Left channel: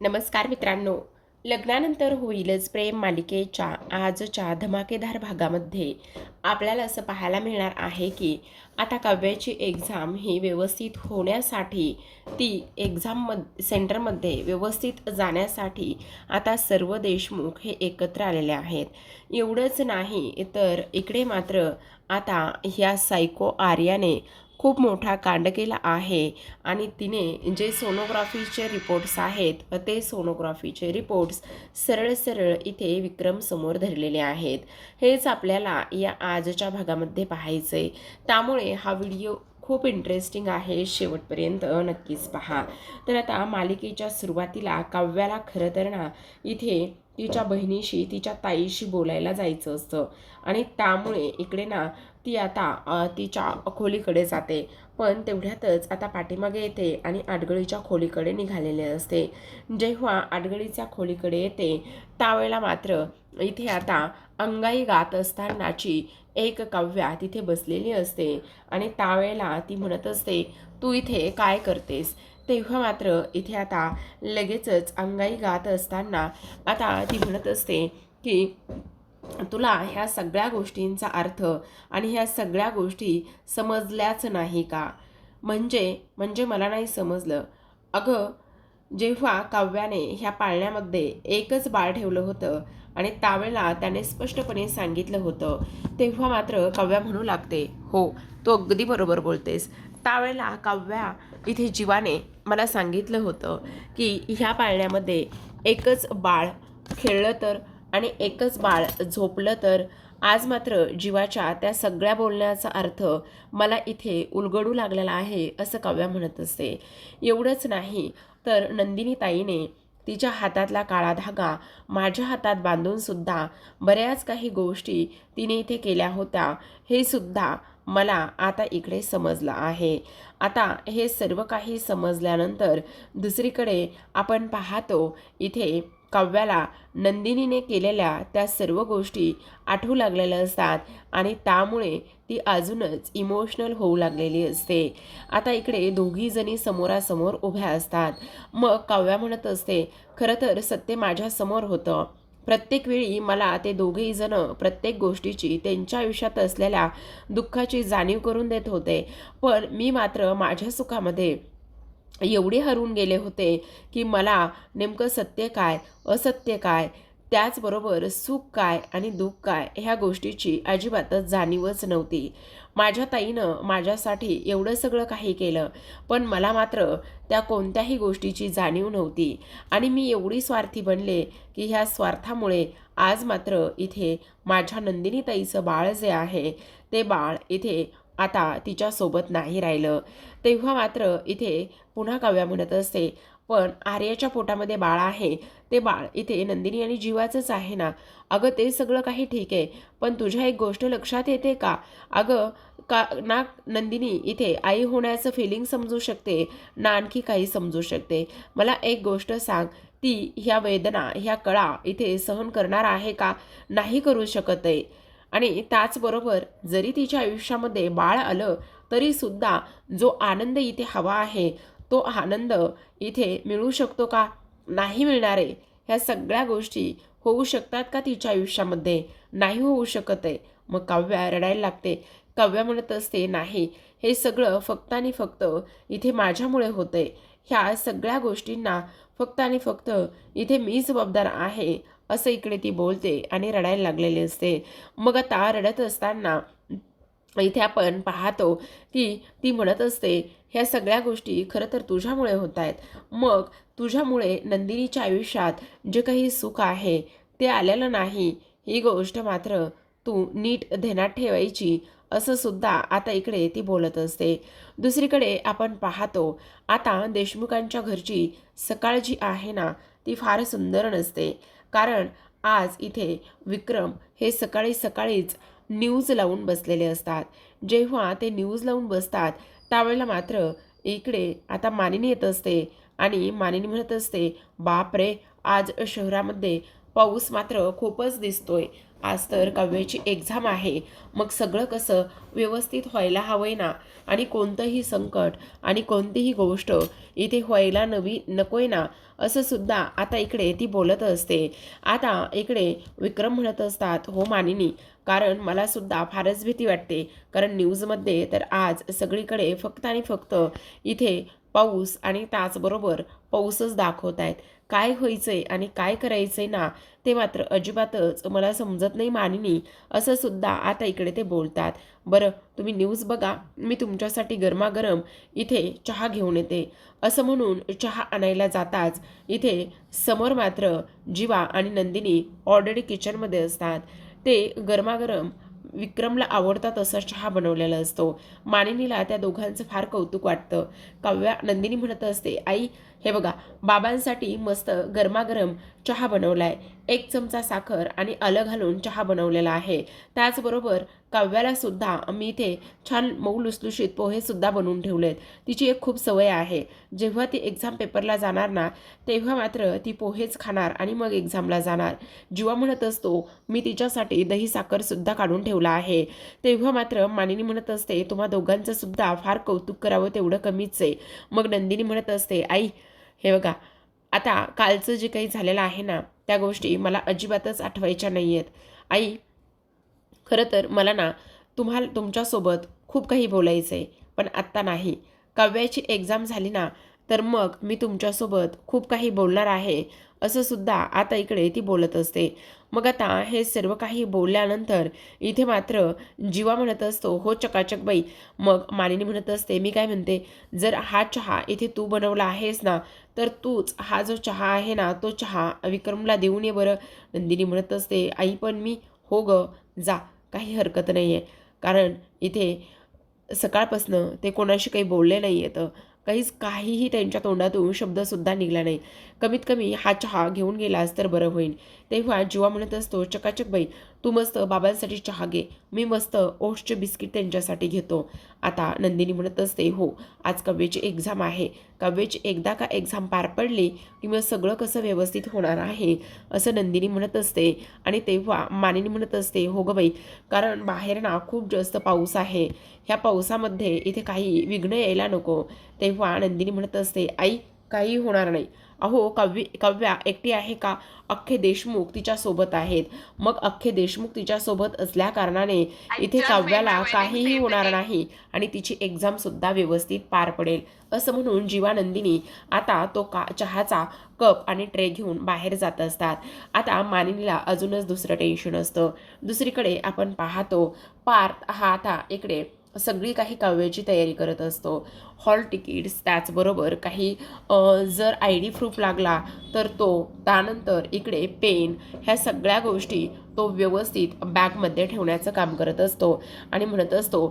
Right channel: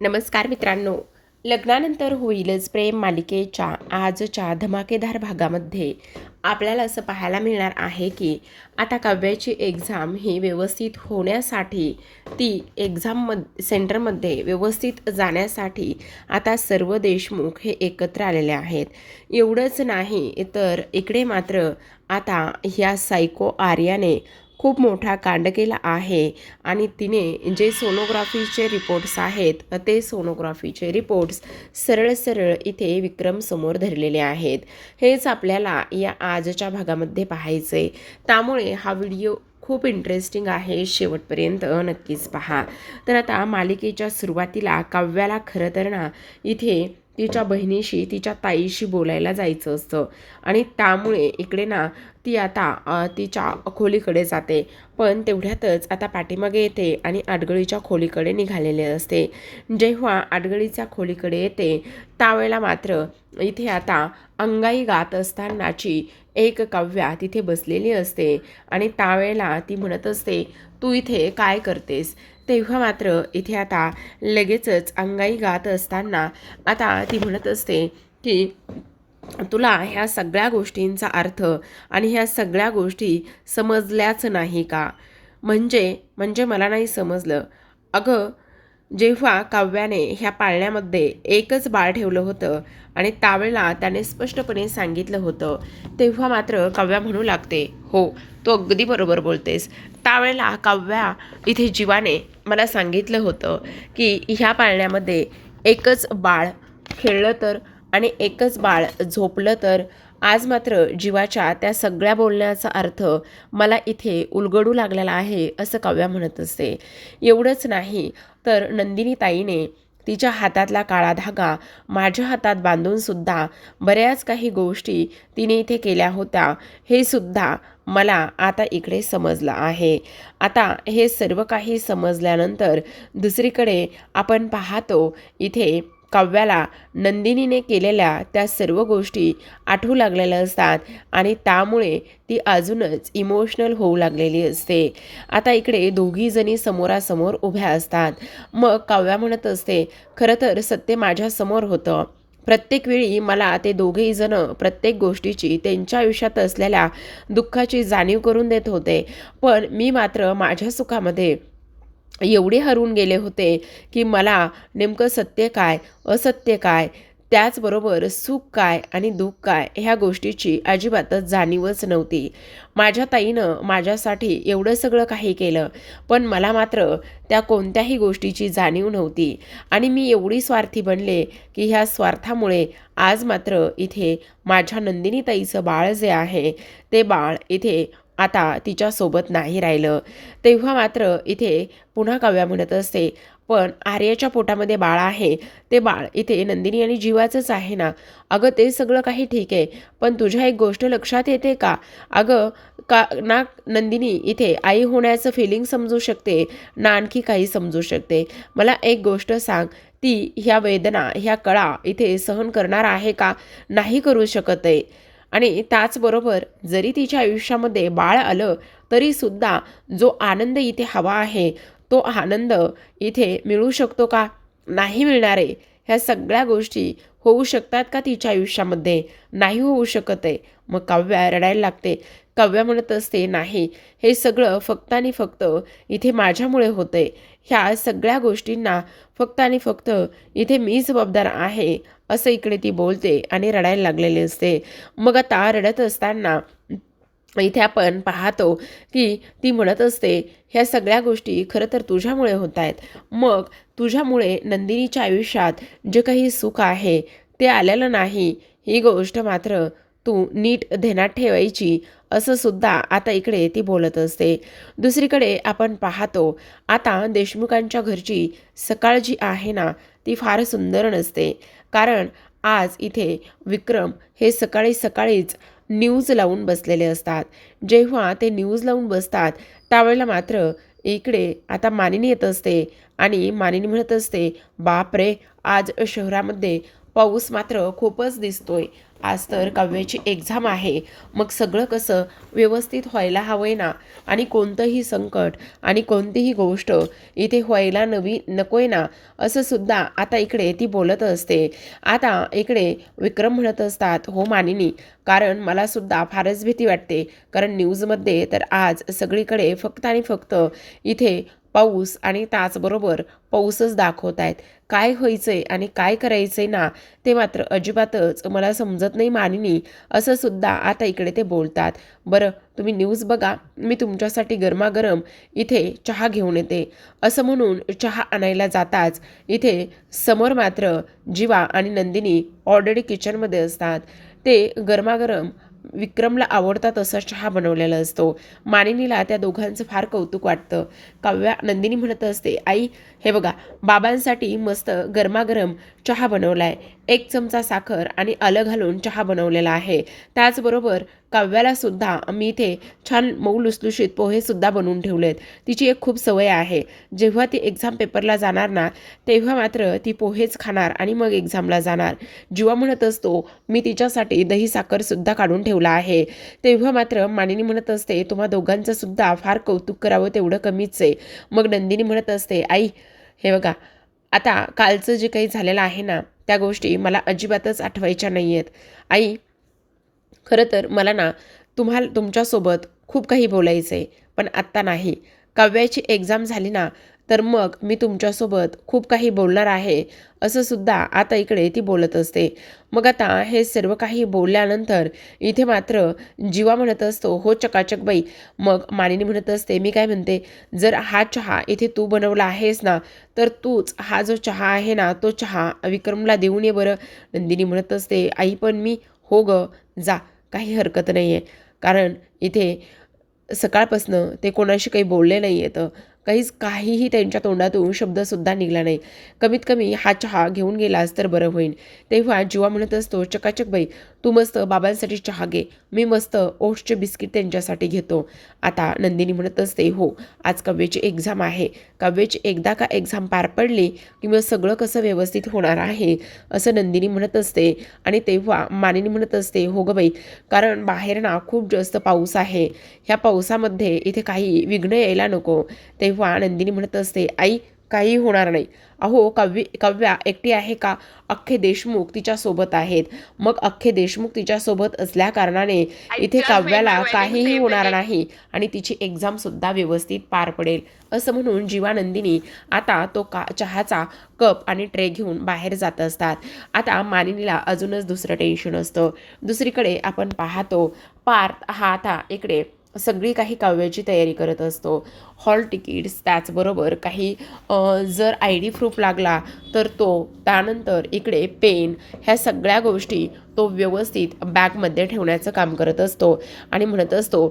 नमस्कार मित्रांनो. लग्नानंतर होईलच प्रेम मालिकेच्या आजच्या धमाकेदार भागामध्ये आपल्याला असं पाहायला मिळणार आहे की आता काव्याची एक्झाम ही व्यवस्थित होण्यासाठी, ती सेंटरमध्ये व्यवस्थित जाण्यासाठी आता सर्व देशमुख हे एकत्र आलेले आहेत. एवढंच नाही तर इकडे मात्र आता ह्या सायको आर्याने खूप मोठा कांड केला आहे आणि तिने जे सोनोग्राफीचे रिपोर्ट्स आहेत ते सोनोग्राफीचे रिपोर्ट्स सरळ सरळ इथे विक्रम समोर धरलेले आहेत. हेच आपल्याला या आजच्या भागामध्ये पाहायचे, त्यामुळे हा व्हिडिओ खूप इंटरेस्टिंग आहे, शेवटपर्यंत नक्कीच पहा. तर आता मालिकेच्या सुरुवातीला काव्याला खरं तर ना इथे तिच्या बहिणीशी, तिच्या ताईशी बोलायला जायचं असतं आणि त्यामुळे इकडे ना ती आता तिच्या खोलीकडे जाते. पण तेवढ्यातच आता पाठीमागे येते आणि आडगळीच्या खोलीकडे निघालेले असते. जेव्हा आडगळीच्या खोलीकडे येते त्यावेळेला मात्र इथे आता अंगाई गात असतानाची एक काव्या तिथे बसलेली असते आणि त्यावेळेला ती म्हणत असते, तू इथे काय करतेस? तेव्हा मात्र इथे आता लगेचच अंगाई गात असताना आता ती म्हणत असते की तुला ह्या सगळ्या गोष्टींचा अर्थ आणि ह्या सगळ्या गोष्टी समजल्याच नाही का? म्हणजे म्हणजे मला नाही समजलं. अगं, जेव्हा काव्याने ह्या पाळण्यामध्ये एकच बाळ ठेवलं होतं आणि त्यावेळेला त्याने स्पष्टपणे सांगितलं होतं, तेव्हा मात्र काव्या म्हणू लागते, हो, तू अगदी बरोबर बोलतेस. त्यावेळेला काव्या इथे जीवाने मला सांगितलं होतं की ह्या पाळण्यामध्ये एकच बाळ खेळलं तर आणि एकच बाळ झोपलं तर. आज मात्र जीवाच्या त्या सगळ्या बोलण्याचा अर्थ मला इथे उलगडू लागलेला आहे, असं काव्या म्हणत असते. एवढंच नाही तर नंदिनी ताईने तिच्या हातातला काळा धागा माझ्या हातात बांधून सुद्धा बऱ्याच काही गोष्टी तिने इथे केल्या होत्या, हे सुद्धा मला आता इकडे समजलं आहे. आता हे सर्व काही समजल्यानंतर दुसरीकडे आपण पाहतो इथे काव्याला नंदिनीने केलेल्या त्या सर्व गोष्टी आठवू लागलेल्या असतात आणि त्यामुळे ती अजूनच इमोशनल होऊ लागलेली असते. आता इकडे दोघी जणी समोरासमोर उभ्या असतात. मग काव्या म्हणत असते, खरं तर सत्य माझ्यासमोर होतं. प्रत्येक वेळी मला ते दोघेही जण प्रत्येक गोष्टीची, त्यांच्या आयुष्यात असलेल्या दुःखाची जाणीव करून देत होते. पण मी मात्र माझ्या सुखामध्ये एवढे हरवून गेले होते की मला नेमकं सत्य काय, असत्य काय, त्याचबरोबर सुख काय आणि दुःख काय, ह्या गोष्टीची अजिबातच जाणीवच नव्हती. माझ्या ताईनं माझ्यासाठी एवढं सगळं काही केलं, पण मला मात्र त्या कोणत्याही गोष्टीची जाणीव नव्हती आणि मी एवढी स्वार्थी बनले की ह्या स्वार्थामुळे आज मात्र इथे माझ्या नंदिनी ताईचं बाळ जे आहे, ते बाळ इथे आता तिच्यासोबत नाही राहिलं. तेव्हा मात्र इथे पुन्हा काव्या म्हणत असते, पण आर्याच्या पोटामध्ये बाळ आहे, ते बाळ इथे नंदिनी आणि जीवाचंच आहे ना. अगं, ते सगळं काही ठीक आहे, पण तुझ्या एक गोष्ट लक्षात येते का? अगं, का ना नंदिनी इथे आई होण्याचं फिलिंग समजू शकते, ना आणखी काही समजू शकते. मला एक गोष्ट सांग, ती ह्या वेदना, ह्या कळा इथे सहन करणार आहे का? नाही करू शकत आहे. आणि त्याचबरोबर जरी तिच्या आयुष्यामध्ये बाळ आलं तरीसुद्धा जो आनंद इथे हवा आहे, तो आनंद इथे मिळू शकतो का? नाही मिळणार आहे. ह्या सगळ्या गोष्टी होऊ शकतात का तिच्या आयुष्यामध्ये? नाही होऊ शकत आहे. मग काव्या रडायला लागते. काव्या म्हणत असते, नाही, हे सगळं फक्त आणि फक्त इथे माझ्यामुळे होतंय. ह्या सगळ्या गोष्टींना फक्त आणि फक्त इथे मी जबाबदार आहे, असं इकडे ती बोलते आणि रडायला लागलेली असते. मग आता रडत असताना इथे आपण पाहतो की ती म्हणत असते, ह्या सगळ्या गोष्टी खरं तर तुझ्यामुळे होत आहेत. मग तुझ्यामुळे नंदिनीच्या आयुष्यात जे काही सुख आहे ते आलेलं नाही, ही गोष्ट मात्र तू नीट ध्यानात ठेवायची, असं सुद्धा आता इकडे ती बोलत असते. दुसरीकडे आपण पाहतो आता देशमुखांच्या घरची सकाळ जी आहे ना, ती फार सुंदर नसते. कारण आज इथे विक्रम हे सकाळी सकाळीच न्यूज लावून बसलेले असतात. जेव्हा ते न्यूज लावून बसतात त्यावेळेला मात्र इकडे आता मानिनी येत असते आणि मानिनी म्हणत असते, बाप रे, आज शहरामध्ये पाऊस मात्र खूपच दिसतोय. आज तर काव्याची एक्झाम आहे, मग सगळं कसं व्यवस्थित व्हायला हवंय ना. आणि कोणतंही संकट आणि कोणतीही गोष्ट इथे व्हायला नकोय ना, असं सुद्धा आता इकडे ती बोलत असते. आता इकडे विक्रम म्हणत असतात, हो मानिनी, कारण मला सुद्धा फारच भीती वाटते. कारण न्यूजमध्ये तर आज सगळीकडे फक्त आणि फक्त इथे पाऊस आणि त्याचबरोबर पाऊसच दाखवत आहेत. काय व्हायचंय आणि काय करायचंय ना, ते मात्र अजिबातच मला समजत नाही मानिनी, असं सुद्धा आता इकडे ते बोलतात. बरं, तुम्ही न्यूज बघा, मी तुमच्यासाठी गरमागरम इथे चहा घेऊन येते, असं म्हणून चहा आणायला जाताच इथे समोर मात्र जीवा आणि नंदिनी ऑलरेडी किचनमध्ये असतात. ते गरमागरम विक्रमला आवडता तसा चहा बनवलेला असतो. मानिनीला त्या दोघांचं फार कौतुक वाटतं. काव्या नंदिनी म्हणत असते, आई हे बघा, बाबांसाठी मस्त गरमागरम चहा बनवलाय. 1 चमचा साखर आणि आलं घालून चहा बनवलेला आहे. त्याचबरोबर काव्याला सुद्धा मी इथे छान मऊ लुसलुशीत पोहे सुद्धा बनवून ठेवलेत. तिची एक खूप सवय आहे, जेव्हा ती एक्झाम पेपरला जाणार ना, तेव्हा मात्र ती पोहेच खाणार आणि मग एक्झामला जाणार. जीवा म्हणत असतो, मी तिच्यासाठी दही साखर सुद्धा काढून ठेवला आहे. तेव्हा मात्र मानिनी म्हणत असते, तुम्हा दोघांचं सुद्धा फार कौतुक करावं तेवढं कमीच आहे. मग नंदिनी म्हणत असते, आई हे बघा, आता कालचं जे काही झालेलं आहे ना, त्या गोष्टी मला अजिबातच आठवायच्या नाही आहेत. आई, खरं तर मला ना तुमच्यासोबत खूप काही बोलायचं आहे, पण आत्ता नाही. काव्याची एक्झाम झाली ना, तर मग मी तुमच्यासोबत खूप काही बोलणार आहे, असं सुद्धा आता इकडे ती बोलत असते. मग आता हे सर्व काही बोलल्यानंतर इथे मात्र जीवा म्हणत असतो, हो चकाचक बाई. मग मानिनी म्हणत असते, मी काय म्हणते, जर हा चहा इथे तू बनवला आहेस ना, तर तूच हा जो चहा आहे ना, तो चहा विक्रमला देऊन ये बरं. नंदिनी म्हणत असते, आई पण मी, हो ग, जा, काही हरकत नाही आहे. कारण इथे सकाळपासनं ते कोणाशी काही बोलले नाही आहेत. काहीही त्यांच्या तोंडातून शब्दसुद्धा निघाला नाही. कमीत कमी हा चहा घेऊन गेलास तर बरं होईल. तेव्हा जीवा म्हणत असतो, चकाचक बाई, तू मस्त बाबांसाठी चहा घे, मी मस्त ओट्सचे बिस्किट त्यांच्यासाठी घेतो. आता नंदिनी म्हणत असते, हो, आज काव्याची एक्झाम आहे. काव्याची एकदा का एक्झाम पार पडली की मग सगळं कसं व्यवस्थित होणार आहे, असं नंदिनी म्हणत असते. आणि तेव्हा मानिनी म्हणत असते, हो गं बाई, कारण बाहेर ना खूप जास्त पाऊस आहे. ह्या पावसामध्ये इथे काही विघ्न यायला नको. तेव्हा नंदिनी म्हणत असते, आई काही होणार नाही. अहो, काव्या एकटी आहे का? अख्खे देशमुख तिच्यासोबत आहेत. मग अख्खे देशमुख तिच्यासोबत असल्या कारणाने इथे काव्याला काहीही होणार नाही आणि तिची एक्झामसुद्धा व्यवस्थित पार पडेल, असं म्हणून जीवा नंदिनी आता तो चहाचा कप आणि ट्रे घेऊन बाहेर जात असतात. आता मानिनीला अजूनच दुसरं टेन्शन असतं. दुसरीकडे आपण पाहतो, पार्थ हा आता इकडे सगळी काही काव्याची तयारी करत असतो. हॉल तिकीट्स, त्याचबरोबर काही जर ID प्रूफ लागला तर तो, त्यानंतर इकडे पेन, ह्या सगळ्या गोष्टी तो व्यवस्थित बॅगमध्ये ठेवण्याचं काम करत असतो आणि म्हणत असतो,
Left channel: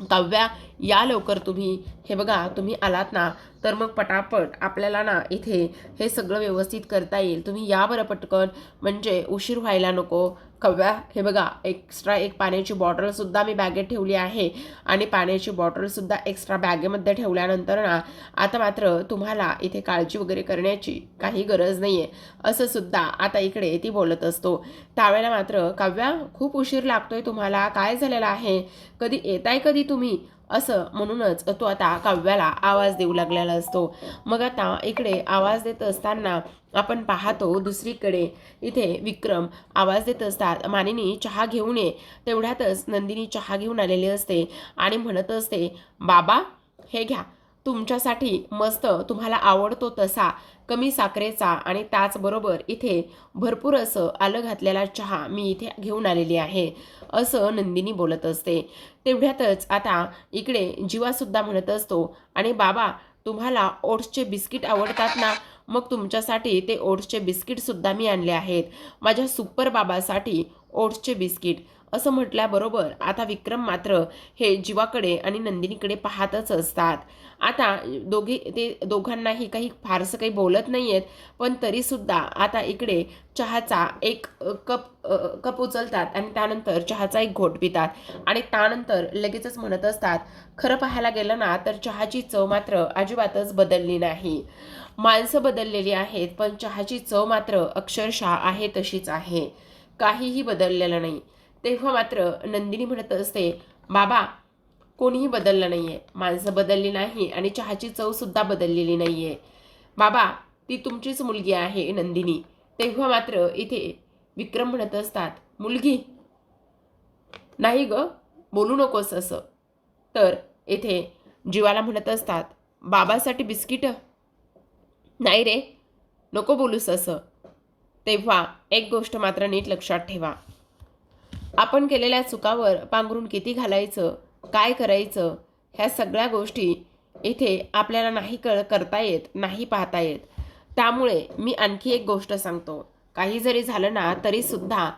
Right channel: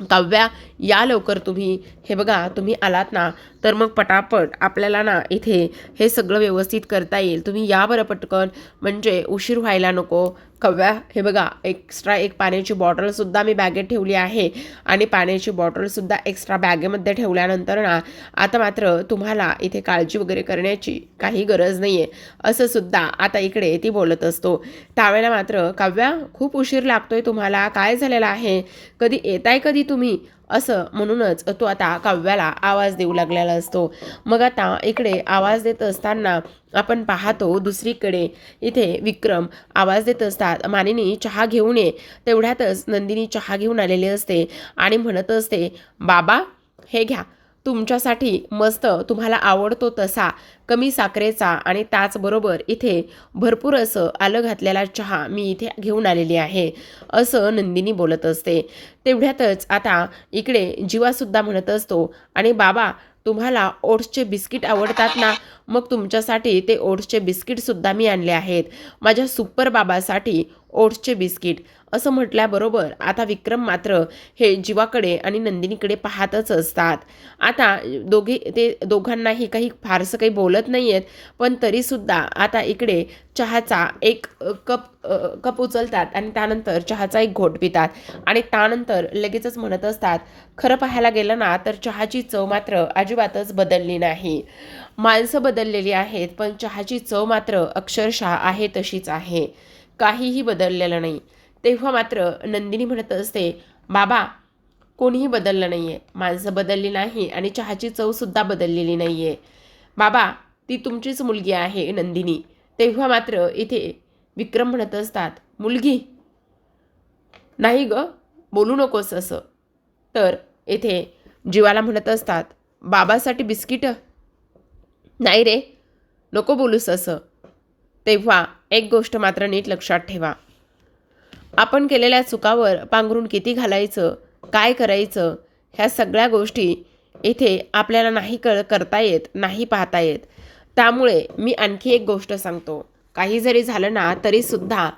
काव्या, या लवकर तुम्ही. हे बघा, तुम्ही आलात ना, तर मग पटापट आपल्याला ना इथे हे सगळं व्यवस्थित करता येईल. तुम्ही या बरं पटकन, म्हणजे उशीर व्हायला नको. काव्या, हे बघा, एक्स्ट्रा एक पाण्याची बॉटलसुद्धा मी बॅगेत ठेवली आहे आणि पाण्याची बॉटलसुद्धा एक्स्ट्रा बॅगेमध्ये ठेवल्यानंतर ना, आता मात्र तुम्हाला इथे काळजी वगैरे करण्याची काही गरज नाही आहे, असं सुद्धा आता इकडे ती बोलत असतो. त्यावेळेला मात्र, काव्या, खूप उशीर लागतोय तुम्हाला, काय झालेलं आहे, कधी येताय कधी तुम्ही, असं म्हणूनच तो आता काव्याला आवाज देऊ लागलेला असतो. मग आता इकडे आवाज देत असताना आपण पाहतो दुसरीकडे इथे विक्रम आवाज देत असतात, मानिनी चहा घेऊन ये. तेवढ्यातच नंदिनी चहा घेऊन आलेली असते आणि म्हणत असते, बाबा हे घ्या, तुमच्यासाठी मस्त तुम्हाला आवडतो तसा कमी साखरेचा आणि त्याचबरोबर इथे भरपूर असं आलं घातलेला चहा मी इथे घेऊन आलेली आहे, असं नंदिनी बोलत असते. तेवढ्यातच आता इकडे जीवासुद्धा म्हणत असतो, आणि बाबा, तुम्हाला ओट्सचे बिस्किट आवडतात ना, मग तुमच्यासाठी ते ओट्सचे बिस्किटसुद्धा मी आणले आहेत, माझ्या सुपर बाबासाठी ओट्सचे बिस्किट, असं म्हटल्याबरोबर आता विक्रम मात्र हे जीवाकडे आणि नंदिनीकडे पाहतच असतात. आता ते दोघांनाही काही फारसं काही बोलत नाही आहेत, पण तरीसुद्धा आता इकडे चहाचा एक कप उचलतात आणि त्यानंतर चहाचा एक घोट पितात आणि त्यानंतर लगेचच म्हणत असतात, खरं पाहायला गेलं ना, तर चहाची चव मात्र अजिबातच बदलली नाही. माणसं बदललेली आहेत, पण चहाची चव मात्र अक्षरशः आहे तशीच आहे, काहीही बदललेलं नाही. तेव्हा मात्र नंदिनी म्हणत असते, बाबा, कोणीही बदललं नाही आहे, माणसं बदलली नाही आणि चहाची चवसुद्धा बदललेली नाही आहे. बाबा, ती तुमचीच मुलगी आहे नंदिनी. तेव्हा मात्र इथे विक्रम म्हणत असतात, मुलगी नाही ग, बोलू नकोस असं. तर येथे जीवाला म्हणत असतात, बाबासाठी बिस्किटं नाही रे, नको बोलूस असं. तेव्हा एक गोष्ट मात्र नीट लक्षात ठेवा, आपण केलेल्या चुकावर पांघरून किती घालायचं, काय करायचं, ह्या सगळ्या गोष्टी इथे आपल्याला नाही करता येत, नाही पाहता येत. त्यामुळे मी आणखी एक गोष्ट सांगतो, काही जरी झालं ना तरीसुद्धा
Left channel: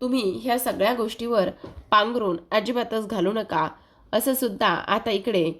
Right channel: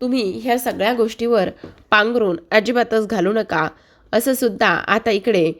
तुम्ही ह्या सगळ्या गोष्टीवर पांघरून अजिबातच घालू नका, असं सुद्धा आता इकडे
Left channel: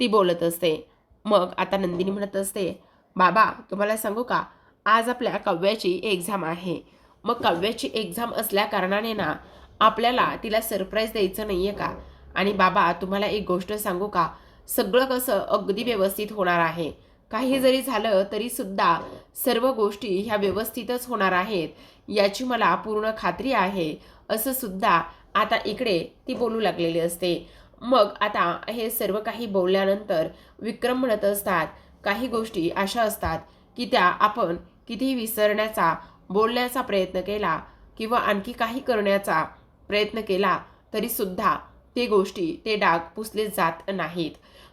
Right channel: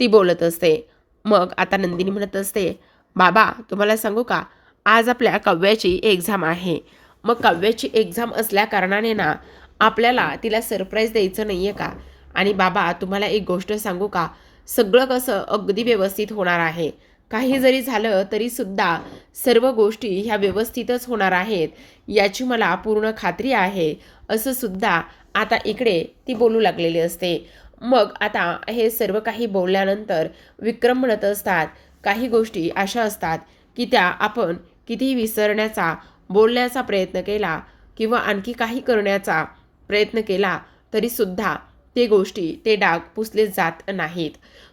ती बोलत असते. मग आता नंदिनी म्हणत असते, बाबा तुम्हाला सांगू का, आज आपल्या काव्याची एक्झाम आहे. मग काव्याची एक्झाम असल्या कारणाने ना आपल्याला तिला सरप्राईज द्यायचं नाही आहे का? आणि बाबा तुम्हाला एक गोष्ट सांगू का, सगळं कसं अगदी व्यवस्थित होणार आहे. काही जरी झालं तरीसुद्धा सर्व गोष्टी ह्या व्यवस्थितच होणार आहेत, याची मला पूर्ण खात्री आहे, असं सुद्धा आता इकडे ती बोलू लागलेली असते. मग आता हे सर्व काही बोलल्यानंतर विक्रम म्हणत असतात, काही गोष्टी अशा असतात की त्या आपण कितीही विसरण्याचा, बोलण्याचा प्रयत्न केला किंवा आणखी काही करण्याचा प्रयत्न केला तरीसुद्धा ते गोष्टी, ते डाग पुसले जात नाहीत.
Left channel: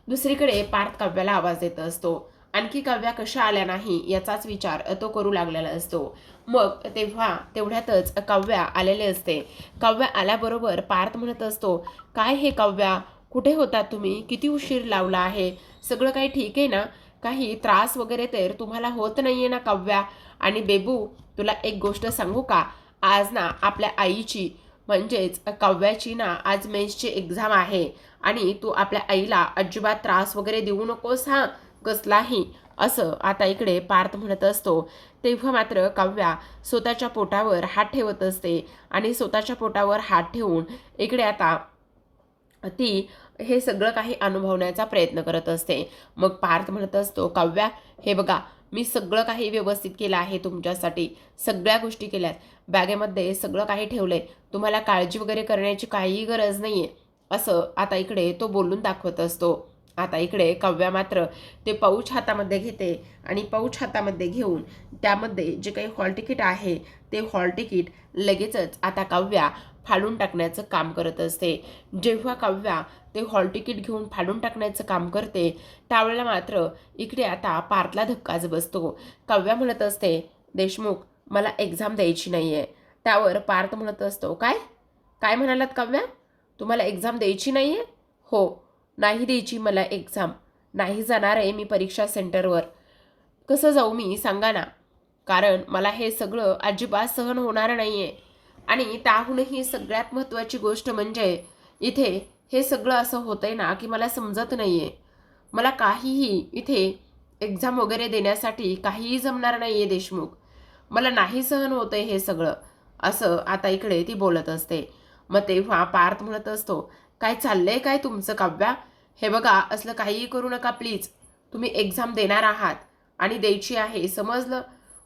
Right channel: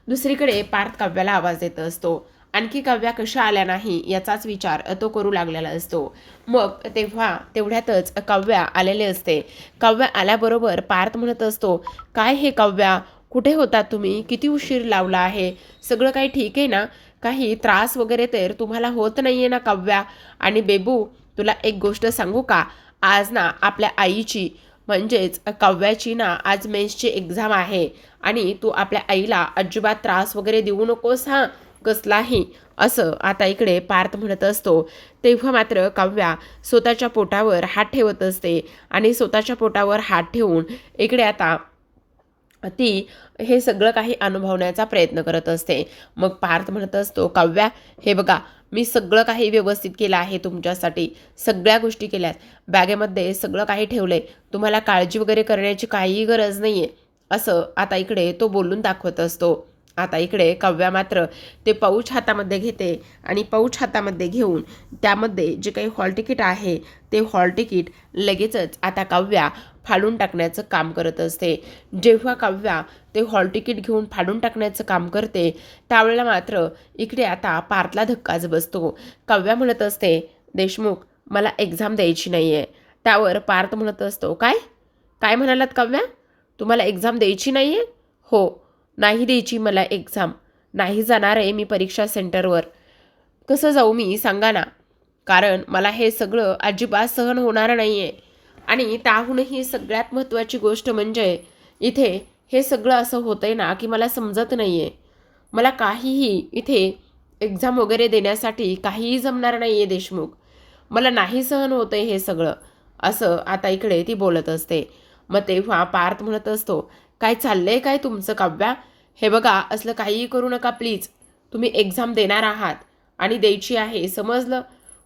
दुसरीकडे पार्थ काव्याला आवाज देत असतो. आणखी काव्या कशा आल्या नाही याचाच विचार तो करू लागलेला असतो. मग तेवढ्यातच काव्या आलेले असते. काव्या आल्याबरोबर पार्थ म्हणत असतो, काय हे काव्या, कुठे होता तुम्ही, किती उशीर लावला आहे, सगळं काही ठीक आहे ना, काही त्रास वगैरे तर तुम्हाला होत नाही आहे ना काव्या. आणि बेबू तुला एक गोष्ट सांगू का, आज ना आपल्या आईची म्हणजेच काव्याची ना आज मेन्सची एक्झाम आहे आणि तू आपल्या आईला अजिबात त्रास वगैरे देऊ नकोस हां, कसलाही, असं आता इकडे पार्थ म्हणत असतो. तेव्हा मात्र काव्या स्वतःच्या पोटावर हात ठेवत असते आणि स्वतःच्या पोटावर हात ठेवून इकडे आता ती हे सगळं काही अनुभवण्याचा प्रयत्न करत असते. मग पार्थ म्हणत असतो, काव्या हे बघा, मी सगळं काही व्यवस्थित केलं आहे तुमच्यासाठी, सगळ्या गोष्टी केल्यात, बॅगेमध्ये सगळं काही ठेवलंय, तुम्हाला काळजी वगैरे करण्याची काहीही गरज नाही आहे, असं आता इकडे तो बोलून दाखवत असतो. आता इकडे काव्या मात्र ते पाऊच हातामध्ये घेते आणि पाऊच हातामध्ये घेऊन त्यामध्ये जे काही हॉल तिकीट आहे ते हॉल तिकीट लगेचच आता काव्या फाडून टाकण्याचं काम करत असते. जेव्हा काव्या ते हॉल तिकीट घेऊन फाडून टाकण्याचं काम करते त्यावेळेला मात्र इकडे आता पार्थला धक्काच बसतो. काव्या म्हणत असते, देशमुख मला एक्झाम द्यायची नाही आहे. त्यावर पार्थ म्हणत असतो, काय काय म्हणालात काव्या, तुम्हाला एक्झाम द्यायची नाही आहे? हो, नाही द्यायची मला एक्झाम, नाही जाणार आहे मी परीक्षा सेंटरवर. कसं जाऊ मी सांगा ना, कारण मला हे सगळं अजिबात सहन होणार नाही आहे. आणि त्याहूनही सगळ्यात महत्त्वाची गोष्ट म्हणजे इथे हे सगळं असं होतंय ना की मला समजत नाही आहे, मला काहीही इथे एक्झाम वगैरे देण्यासाठी काहीही जमणार नाही आहे देशमुख, मला नाही सहन होतं आहे हे सगळं, असं आता इकडे ती बोलत असते. मग तेव्हा पार्थ म्हणत असतो, काय चाललंय काय तुमचं काव्या, हे बघा असलं काहीही करू नका प्लीज, तुम्ही एक्झाम देणार आहात आणि द्यायची आहे समजलं.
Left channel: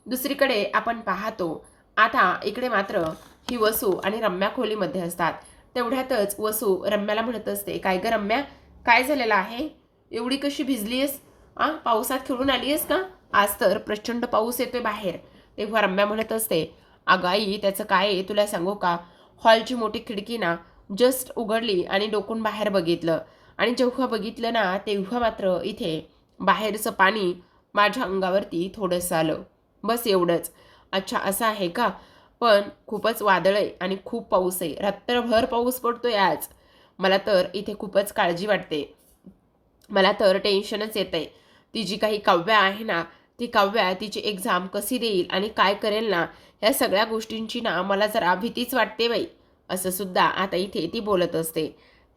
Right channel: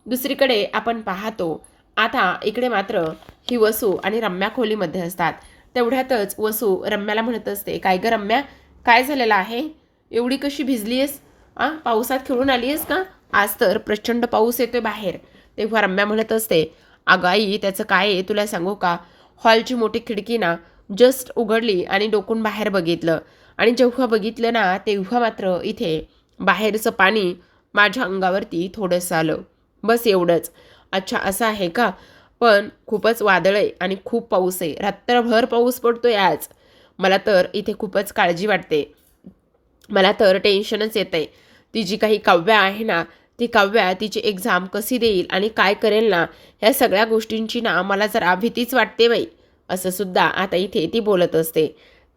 दुसरीकडे आपण पाहतो आता इकडे मात्र ही वसू आणि रम्या खोलीमध्ये असतात. तेवढ्यातच वसू रम्याला म्हणत असते, काय गं रम्या, काय झालेलं आहे, एवढी कशी भिजली आहेस, पावसात खेळून आली आहेस का, आज तर प्रचंड पाऊस येतोय बाहेर. तेव्हा रम्या म्हणत असते, अगं आई त्याचं काय आहे तुला सांगू का, हॉलची मोठी खिडकी ना जस्ट उघडली आणि डोकून बाहेर बघितलं आणि जेव्हा बघितलं ना तेव्हा मात्र इथे बाहेरचं पाणी माझ्या अंगावरती थोडंसं आलं, बस एवढंच. अच्छा असं आहे का, पण खूपच वादळ आहे आणि खूप पाऊस आहे, रात्रभर पाऊस पडतोय आज, मला तर इथे खूपच काळजी वाटते, मला तर टेन्शनच येतं आहे. ती जी काही काव्या आहे ना, ती काव्या तिची एक्झाम कशी देईल आणि काय करेल ना, ह्या सगळ्या गोष्टींची ना मला जरा भीतीच वाटते बाई, असं सुद्धा आता इथे ती बोलत असते.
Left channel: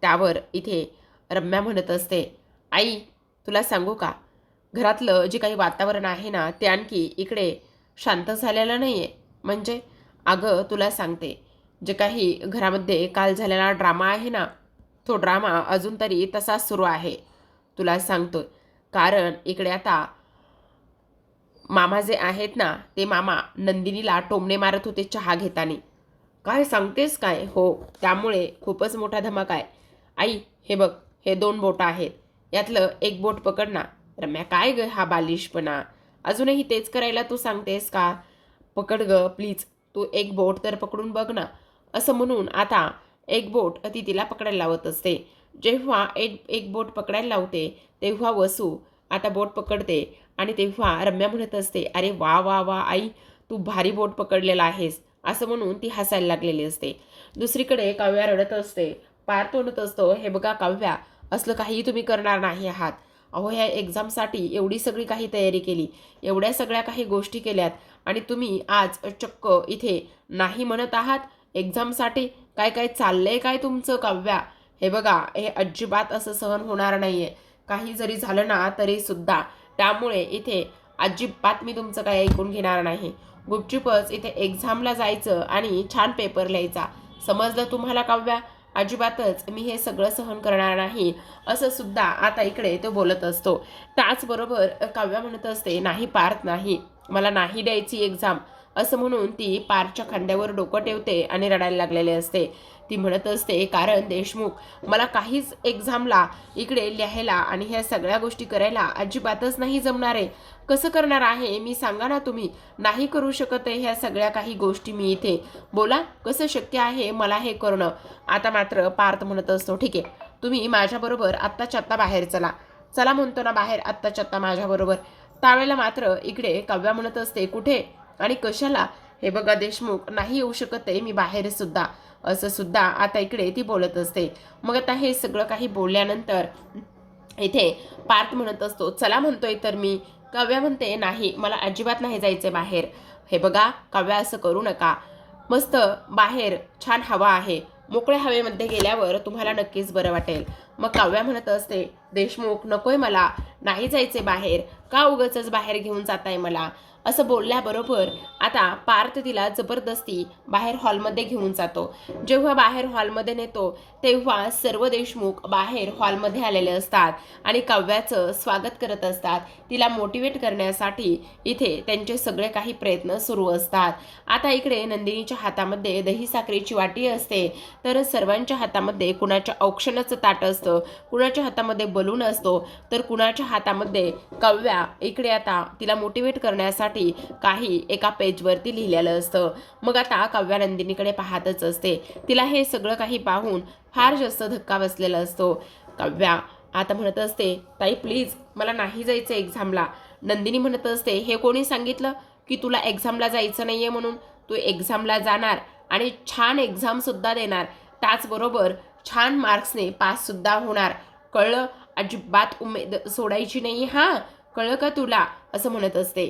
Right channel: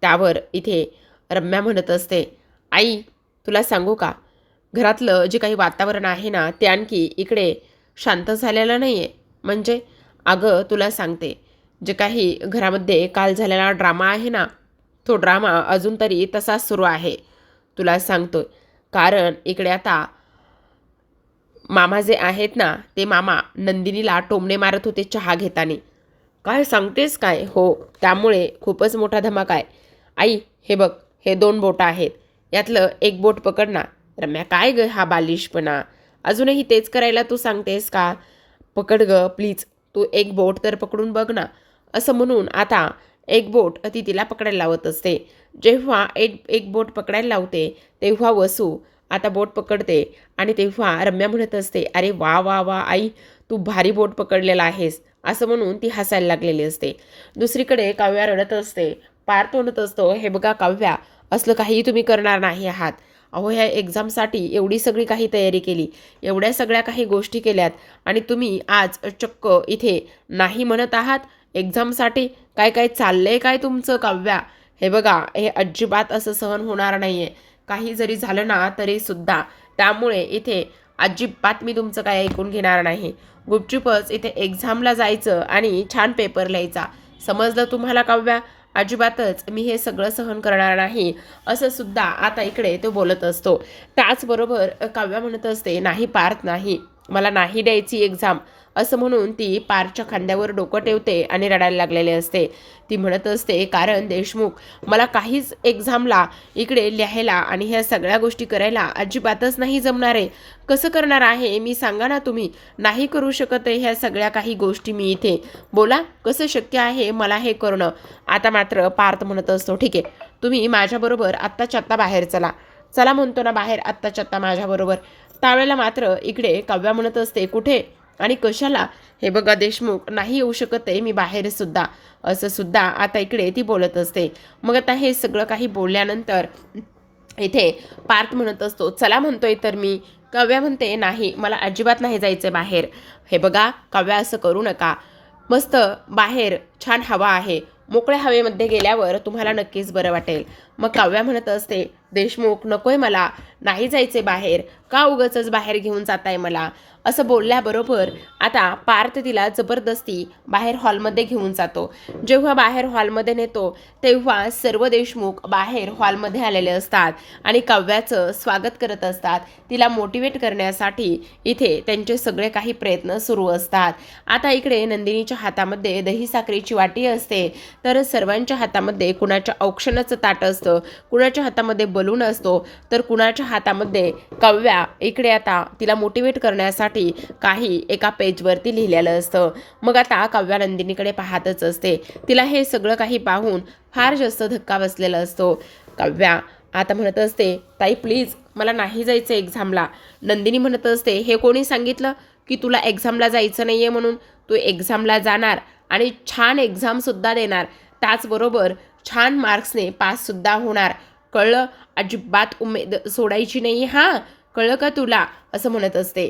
त्यावर इथे रम्या म्हणत असते, आई तुला सांगू का, घरातलं जे काही वातावरण आहे ना ते आणखी इकडे शांत झालेलं नाही आहे. म्हणजे अगं तुला सांगते, जे काही घरामध्ये काल झालेला ड्रामा आहे ना, तो ड्रामा अजून तरी तसाच सुरू आहे, तुला सांगतोय. कारण इकडे आता मामा जे आहेत ना, ते मामा नंदिनीला टोमणे मारत होते चहा घेताना. काय सांगतेस काय, हो, त्यामुळे खूपच मोठा धमाका आहे. आई हे बघ, हे 2 बोटं आहेत, यातलं एक बोट पकड ना. रम्या, काय ग हा बालिशपणा? अजूनही तेच करायला तू सांगतेस का? पकड ग प्लीज, तू एक बोट तर पकडून बघ ना. असं म्हणून आता एक बोट ती तिला पकडायला लावत असते. जेव्हा एक एक बोट पकडायला लावते तेव्हा वसू आता बोट पकडते आणि तेव्हा रम्या म्हणत असते, अरे वा वा वा आई, तू भारी बोट पकडलेला आहेस, असं म्हणून ती हसायला लागलेली असते. दुसरीकडे काव्या रडत असते. पार्थ म्हणत असतो, हे बघा काव्या, असलं काहीही तुम्ही करणार नाही आहात. अहो, ह्या एक्झामसाठी एवढी सगळी काही तयारी केली, एवढ्या सगळ्या काही गोष्टी केल्यात आणि तुम्ही आज चक्क इथे नाही म्हणत आहात एक्झामसाठी. काय काय चाललंय काय तुमचं काव्या? हे बघा, हे अजिबात असं सहन होणार नाहीये. काही जरी झालं ना तरी सुद्धा, त्यामुळे इथे अजिबात मी तुमचं काय ऐकून घेणार नाही. गुपचूपच इथे एक्झामला जायचं आणि छान पेपर लिहायचा. समजलं तुम्हाला काव्या? अजिबातच मी हे सगळं सहन करणार नाही, असं सुद्धा आता इकडे तो बोलत असतो. त्याचबरोबर काव्या म्हणत असते, नाही पार्थ नाही, मला नाही द्यायची एक्झाम, असं म्हणून ती पार्थच्या खांद्यावर डोकं ठेवते आणि रडायला लागलेले असते. ती म्हणत असते, कारण देशमुख, मला काहीच एक्झामला इकडे लिहायला आणि ह्या सगळ्या गोष्टी करायला अजिबातच नाही जमणार आहे. कसं करणार आहे मी, सांगा ना तुम्ही? नाही करू शकत आहे ह्या सगळ्या काही गोष्टी मी इथे. बोला, कसं शक्य आहे मला हे करणं? आता मात्र पार्थ म्हणत असतो, ठीक आहे, तुम्ही माझ्याबरोबर आत्ताच्या आत्ता बाहेर चला. चला म्हणतो ना बाहेर आत्ताच्या आत्ता माझ्याबरोबर. त्यावेळेला मात्र इकडे काव्या म्हणत असते, कुठे आणि कशाला? हे बघा देशमुख, नाही येऊ शकत आहे मी बाहेर सुद्धा, असं सुद्धा आता इकडे ती बोलत असते. मग आता हे सगळं काही बोलल्यानंतर इथे पार्थ म्हणत असतो, चला म्हणतोय तर मी. काव्या म्हणते, नाही, मला अजिबात नाही जायचं बाहेर. हे बघा काव्या, असं करू नका. मस्त बाहेर छान हवा आहे, मोकळ्या हवेमध्ये गेल्यावर तुम्हाला नक्कीच बरं वाटेल. मग काव्या म्हणत असते, देशमुख नकोय मला, नाही जायचे बाहेर, का उगाचच बाहेर घेऊन जाताय मला? असं बोलल्याबरोबर आता पार्थ तिला जबरदस्ती बाहेर हॉलमध्ये घेऊन जातो. जेव्हा बाहेर हॉलमध्ये नेतो तेव्हा सर्व देशमुख बाहेर हॉलमध्ये आलेले असतात आणि काव्याचं स्वागत करत असतात. तिला मोटिवेट करण्यासाठी इथे त्यांचे सगळे काही प्रयत्न सुरू असतात. आता इकडे नंदिनीच्या हातामध्ये दही साखरेची वाटी असते, तर सर्वांच्या हातामध्ये कुणाच्या औक्षणाचं ताट असतं, कुणाच्या हातामध्ये बलून असतो, तर कुणाच्या हातामध्ये काव्या इकडे आता तिला मोटिवेट करण्यासाठी काही एका पेजवरती लिहिलेलं असतं. मग आता काव्या नंदिनीकडे पाहतच असते. तिला हे सगळं काही पाहून फार जास्त धक्का बसलेला असतो. काव्या आता म्हणत असते, ताई प्लीज, मला नाही जायचं एक्झामला. नंदिनी म्हणत असते, हे कोणी सांगितलं की तुला एक्झामला जायचं नाहीये म्हणून? तू एक्झामला जाणार आणि छान एक्झामसुद्धा देणार, त्याचबरोबर छान मार्क्सने पाससुद्धा होणार, कळलं? अजिबात उमेद सोडायची नाही हां, कळलं का तुला? असं म्हणत असते.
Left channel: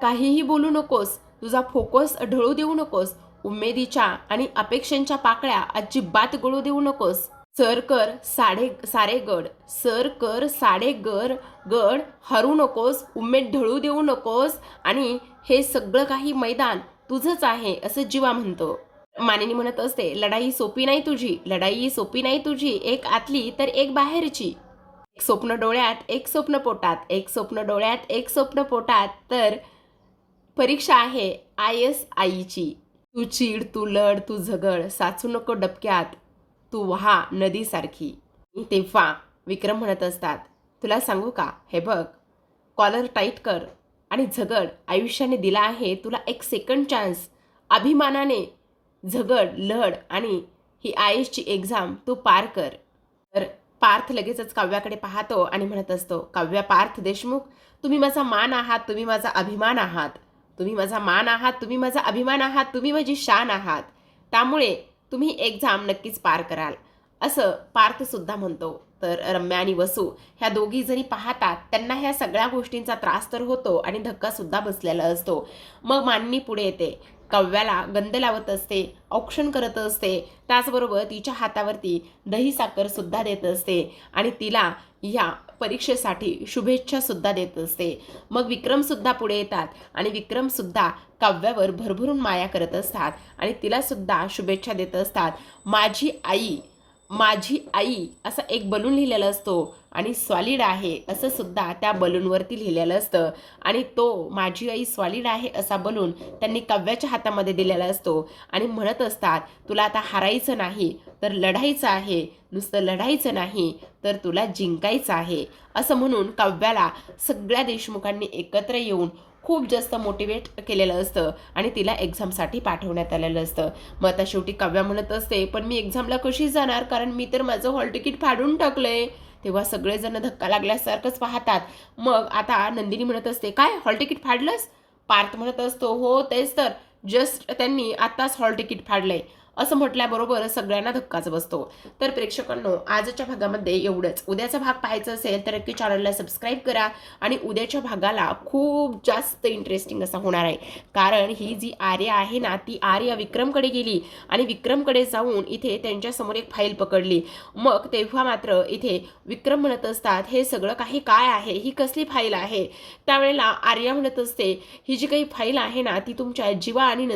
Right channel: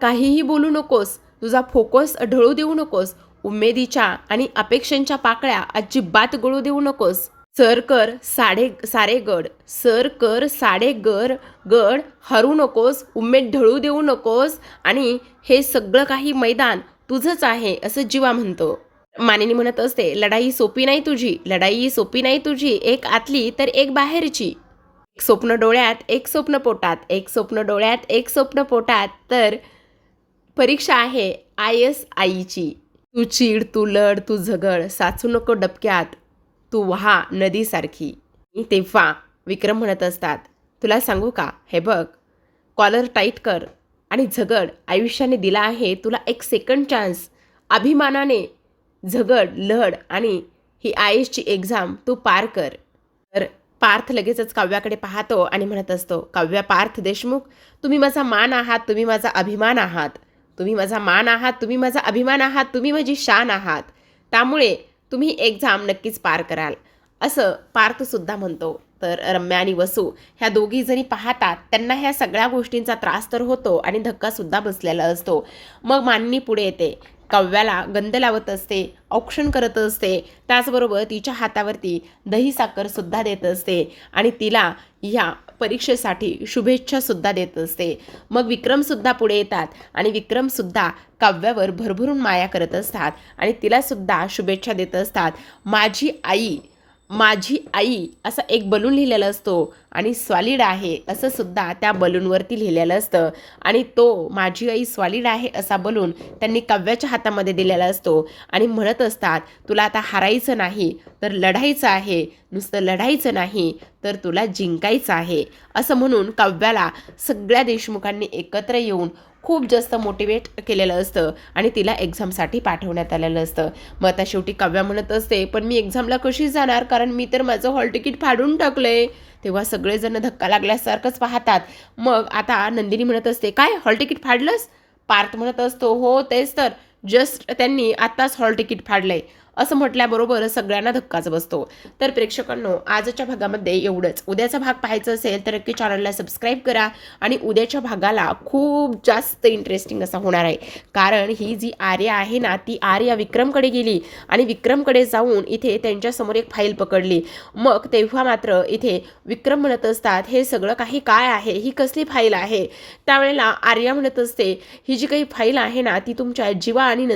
काहीही बोलू नकोस, तुझा फोकस ढळू देऊ नकोस, उमेदीच्या आणि अपेक्षांच्या पाकळ्या अजिबात गळू देऊ नकोस. सर कर सारे गड, सर कर साडे गड हरू नकोस, उमेद ढळू देऊ नकोस आणि हे सगळं काही मैदान तुझंच आहे, असं जीवा म्हणतो. मानिनी म्हणत असते, लढाई सोपी नाही तुझी, लढाई सोपी नाही तुझी, एक आतली तर एक बाहेरची. एक स्वप्न डोळ्यात, एक स्वप्न पोटात, एक स्वप्न डोळ्यात, एक स्वप्न पोटात, तर परीक्षा आहे ISIची. तू चीड, तू लढ, तू झगड, साचू नको डबक्यात, तू वहा नदीसारखी. तेव्हा विक्रम म्हणत असतात, तुला सांगू का, हे बघ, कॉलर टाईट कर आणि झगड. आयुष्याने दिला आहे तुला एक सेकंड चान्स. अभिमानाने झगड, लढ आणि ही ISची एक्झाम तू पार कर. तर पार्थ लगेचच काव्याकडे पाहतो आणि म्हणत असतो, काव्या, पार्थ देशमुख, तुम्ही माझा मान आहात, तुम्ही माझा अभिमान आहात, तुम्ही माझा मान आहात, तुम्ही माझा अभिमान आहात, तुम्ही माझी शान आहात, त्यामुळे तुम्ही एक्झाम नक्कीच पार कराल, असं पार्थसुद्धा म्हणतो. तर रम्या आणि वसू ह्या दोघी जणी पाहतात, त्यांना ह्या सगळ्या गोष्टींचा त्रास तर होतो आणि धक्कासुद्धा बसलेला असतो. मग मानिनी पुढे येते, काव्याला गंध लावत असते, औक्षण करत असते, त्याचबरोबर तिच्या हातावरती दही साखरसुद्धा देत असते आणि तिला ह्या परीक्षेसाठी शुभेच्छासुद्धा देत असते. मग विक्रमसुद्धा पुढे येतात आणि विक्रमसुद्धा काव्यावर भरभरून माया करत असतात आणि तिलासुद्धा शुभेच्छा देत असतात. माझी आई माझी आई असा एक बलून लिहिलेला असतो आणि सॉलिड आहे असं सुद्धा त्या बलूनवरती लिहिलेलं असतं आणि तो माझी आई सॉलिड आहे असा बलून त्यांनी काव्याच्या हातामध्ये दिलेला असतो आणि म्हणत असतात, तुला आता हारायचं नाही तर लढायचं आहे, नुसतं लढायचं नाही तर तुला जिंकायचं आहे, असं म्हणून काव्याला सगळ्या देशमुखांनी एकत्र येऊन खूप जास्त मोटिवेट केलेलं असतं आणि तिला एक्झामसाठी पाठवण्यात आलेलं असतं. मग आता शेवटी काव्या म्हणत असते, पण मी एक्झामला कशी जाणार, कारण मी तर माझं हॉल तिकीट फाडून टाकलंय. तेव्हा सगळेजण धक्का लागल्यासारखंच पाहतात. मग आता नंदिनी म्हणत असते, काय हॉल तिकीट फाडलंस? पार्थ म्हणत असतो, हो तेच तर, जस्ट त्यांनी आत्ताच हॉल तिकीट फाडलंय. असं म्हटल्याबरोबर सगळ्यांना धक्काच बसतो. तर प्रेक्षकांनो, आजच्या भागामध्ये एवढंच. उद्याचा भाग पाहायचा असेल तर नक्की चॅनलला सबस्क्राईब करा आणि उद्याच्या भागाला खूप जास्त इंटरेस्टिंग असा होणार आहे. कारण ही जी आर्या आहे ना, ती आर्या विक्रमकडे गेली आणि विक्रमकडे जाऊन इथे त्यांच्यासमोर एक फाईल पकडली. मग तेव्हा मात्र इथे विक्रम म्हणत असतात, हे सगळं काही काय आहे, ही कसली फाईल आहे? त्यावेळेला आर्या म्हणत असते, ही जी काही फाईल आहे ना, ती तुमच्या जीवा आणि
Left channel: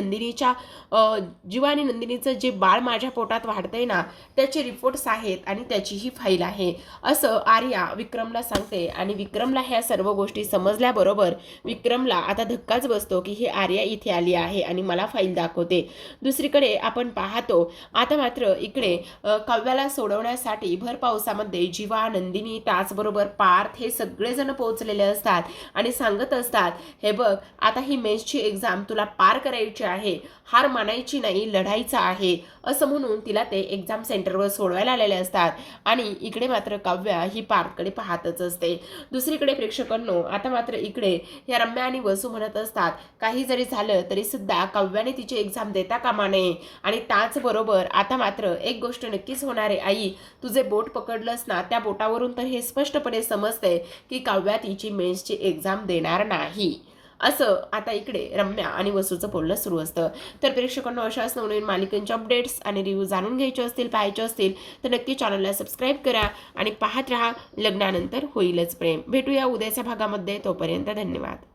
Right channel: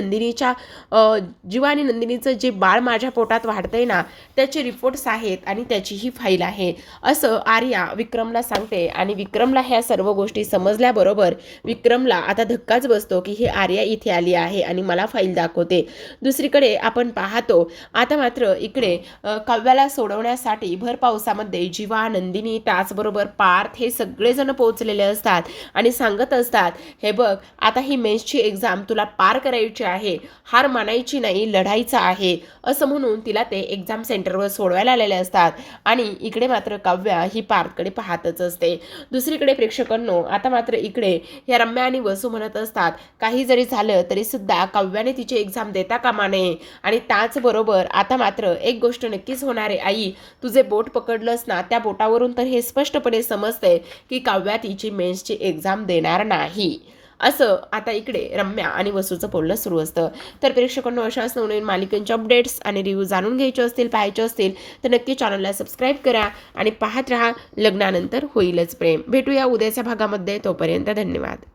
नंदिनीचं जे बाळ माझ्या पोटात वाढतंय ना, त्याचे रिपोर्ट्स आहेत आणि त्याची ही फाईल आहे, असं आर्या विक्रमला सांगते. आणि विक्रमला ह्या सर्व गोष्टी समजल्याबरोबर विक्रमला आता धक्काच बसतो की ही आर्या इथे आली आहे आणि मला फाईल दाखवते. दुसरीकडे आपण पाहतो आता मात्र इकडे काव्याला सोडवण्यासाठी भर पावसामध्ये जीवा, नंदिनी, त्याचबरोबर पार्थ हे सगळेजण पोहोचलेले असतात आणि सांगत असतात, हे बघ, आता ही मेन्सची एक्झाम तुला पार करायची आहे, हार मानायची नाही, लढायचं आहे, असं म्हणून तिला ते एक्झाम सेंटरवर सोडवायला आलेले असतात. आणि इकडे मात्र काव्या ही पार्थकडे पाहतच असते. दुसरीकडे प्रेक्षकांनो, आता मात्र इकडे या रम्या आणि वसू म्हणत असतात, काही जरी झालं तरी सुद्धा काव्याने तिची एक्झाम देता कामा नये. आणि त्याचबरोबर आता मात्र एक गोष्ट नक्कीच होणार आहे, आई, तुझे बोट पकडलंस ना, त्या बोटावरून तर हे स्पष्टपणे समजतंय की काव्या तिची मेन्सची एक्झाम देणार नाही, असं आता इकडे रम्या आणि वसूचं बोलणं सुरू असतं. तर प्रेक्षकांनो, अशाच नवनवीन मालिकांच्या अपडेट्स आणि रिव्ह्यू जाणून घ्यायचे असतील, पाहायचे असतील तर नक्की चॅनलला सबस्क्राईब करा आणि पाहत राहा लग्नानंतर होईलच प्रेम. भेटूया उद्याच्या भागामध्ये. तोपर्यंत धन्यवाद.